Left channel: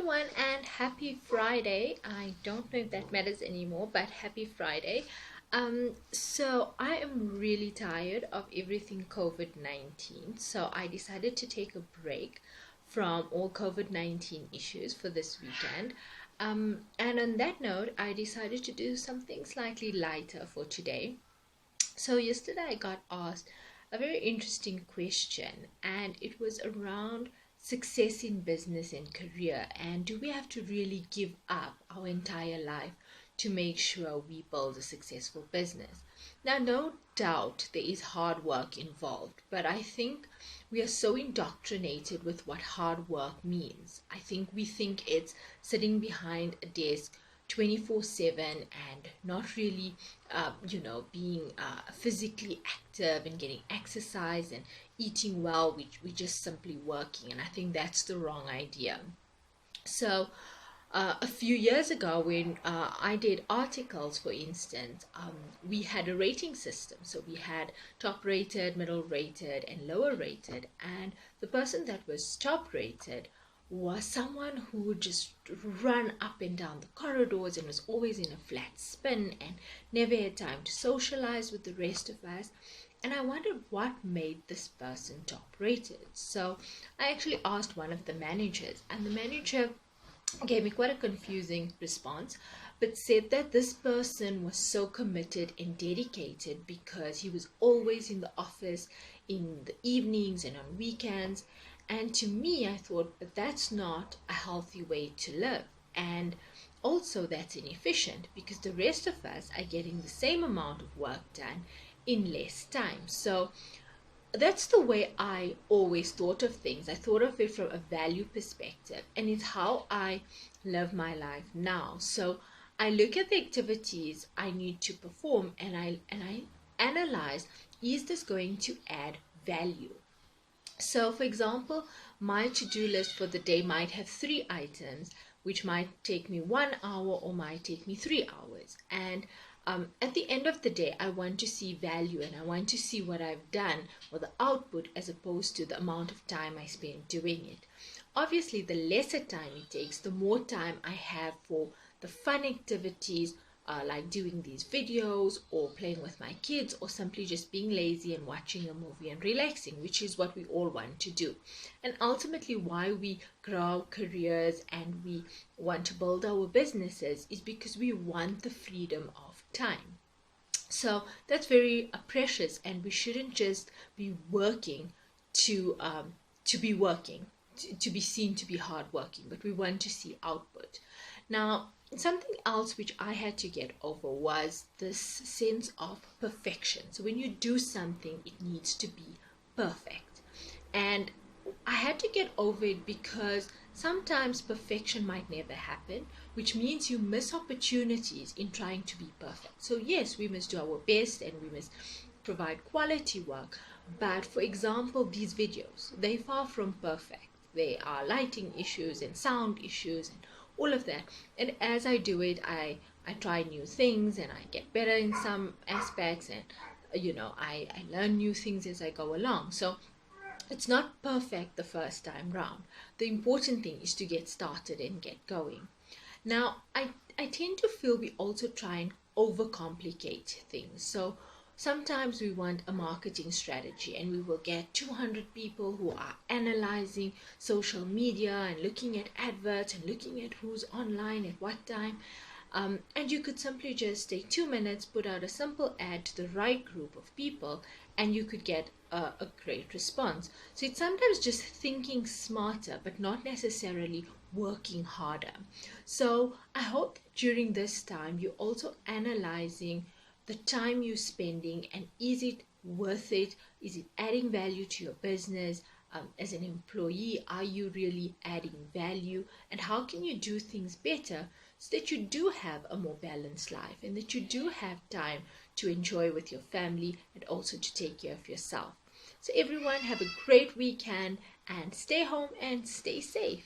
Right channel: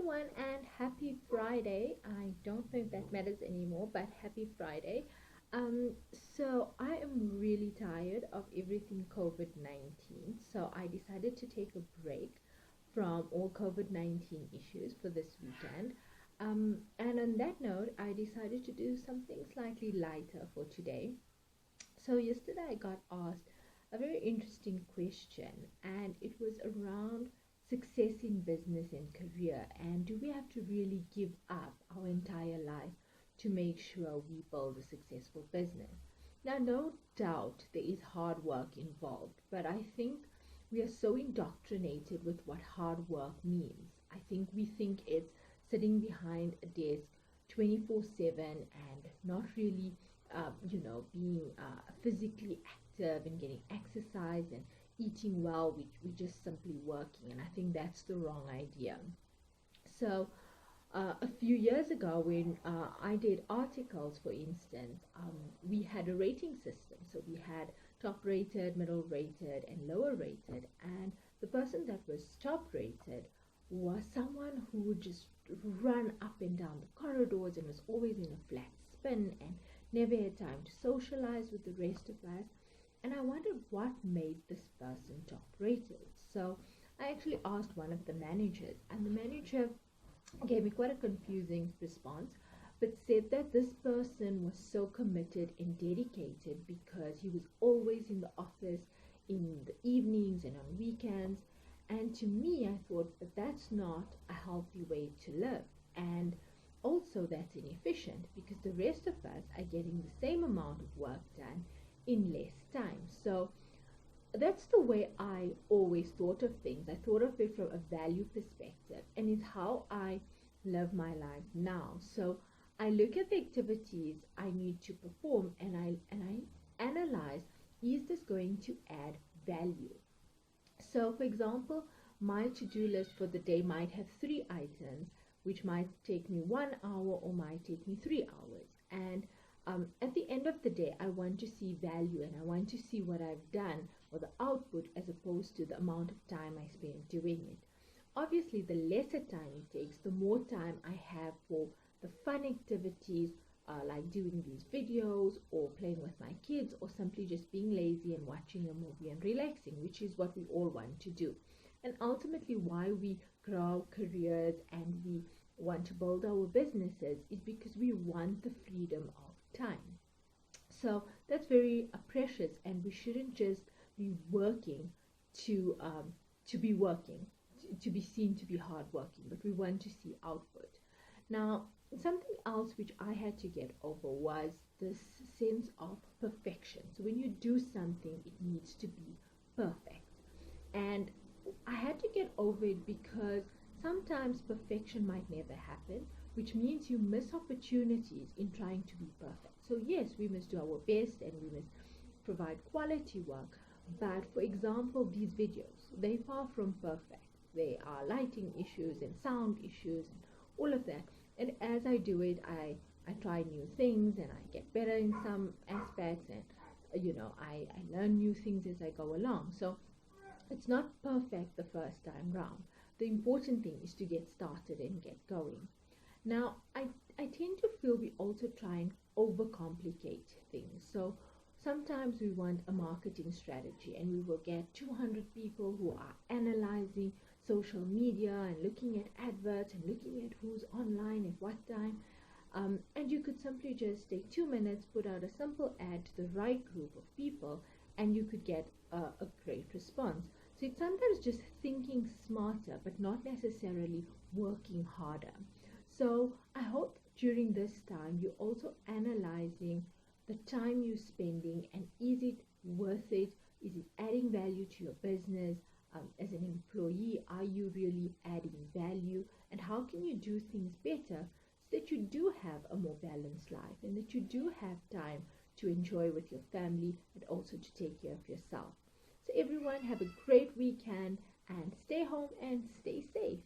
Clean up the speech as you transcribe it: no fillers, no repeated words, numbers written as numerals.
everyone, and happy Friday. I don't know if that matters anymore, but happy Friday. So I am really tired of everything COVID-19. So I decided to take a break from all COVID-19 issues for this weekend. And on that note, I decided to do something slightly lighter for today. So yesterday I got asked a very interesting question, and it was around success in business and career. And do we have to really give up our entire life to make sure we build a successful business? Now, no doubt there is hard work involved, but I think we are so indoctrinated with what hard work means. I think we think it's sitting behind a desk 24/7 and not really being physically active and getting exercise and eating well. We just simply working, and I think that's the wrong idea. So a few years ago, when I did articles, for instance, we had a rating system. So we had top rated, middle rated, and lower rated. And the person that was top rated was someone who would just run up and down the corridors and was always in a flat spin and never had time to socialize with the rest of us. And I wondered what made this person top rated. So I actually asked one of the managers, and the manager gave me quite a confusing response, but said that this person was so committed and dedicated because he was always in the office in the evenings and on weekends. And to me, I thought, but that's not a healthy way to live. And also, that's inefficient because the rest of us are getting the same amount of work done in less time. So that's the way I always thought of things. I thought of it from a value perspective, and it's how I live my life now. So I look at the activities I need to perform, and I analyze, is this going to add value? So for example, my to-do list for the day might have 3 items, which might take me 1 hour or might take me 3 hours. And at the end of the day, I want to see value, and I want to see what I've done or the output as opposed to the amount of time I spend doing it. Obviously, the lesser time it takes, the more time I have for the fun activities, like doing these videos or playing with my kids or simply just being lazy and watching a movie and relaxing, which is what we all want to do. And ultimately, why we grow our careers and we want to build our businesses is because we want the freedom of time. So that's very precious, and we shouldn't just be working to be working, to be seen to be hardworking, but we want to see output. Now, something else which I had to get over was this sense of perfection. So when you do something, it needs to be perfect. And I had to get over it because sometimes perfection might never happen, which means you miss opportunities in trying to be perfect. So yes, we must do our best and we must provide quality work. But for example, these videos, they're far from perfect. There are lighting issues and sound issues and all of that. And as I do it, I try new things and I get better in some aspects, and I learn new things as I go along. So it's not perfect the first time round. The important thing is to get started and get going. Now, I tend to feel we also try and overcomplicate things. So sometimes we want a marketing strategy, and we will get 200 people who are analyzing social media and looking at adverts and looking at who's online at what time. And you could simply just take 2 minutes, put out a simple ad to the right group of people, and you could get a great response. So it's sometimes just thinking smarter, but not necessarily working harder. So I hope during this time you're also analyzing the time you're spending, and is it worth it? Is it adding value to your business? As an employee, are you really adding value? And how can you do things better so that you do have a more balanced life and that you do have time to enjoy with your family and also to take care of yourself? So everyone, have a great weekend and stay home and stay safe.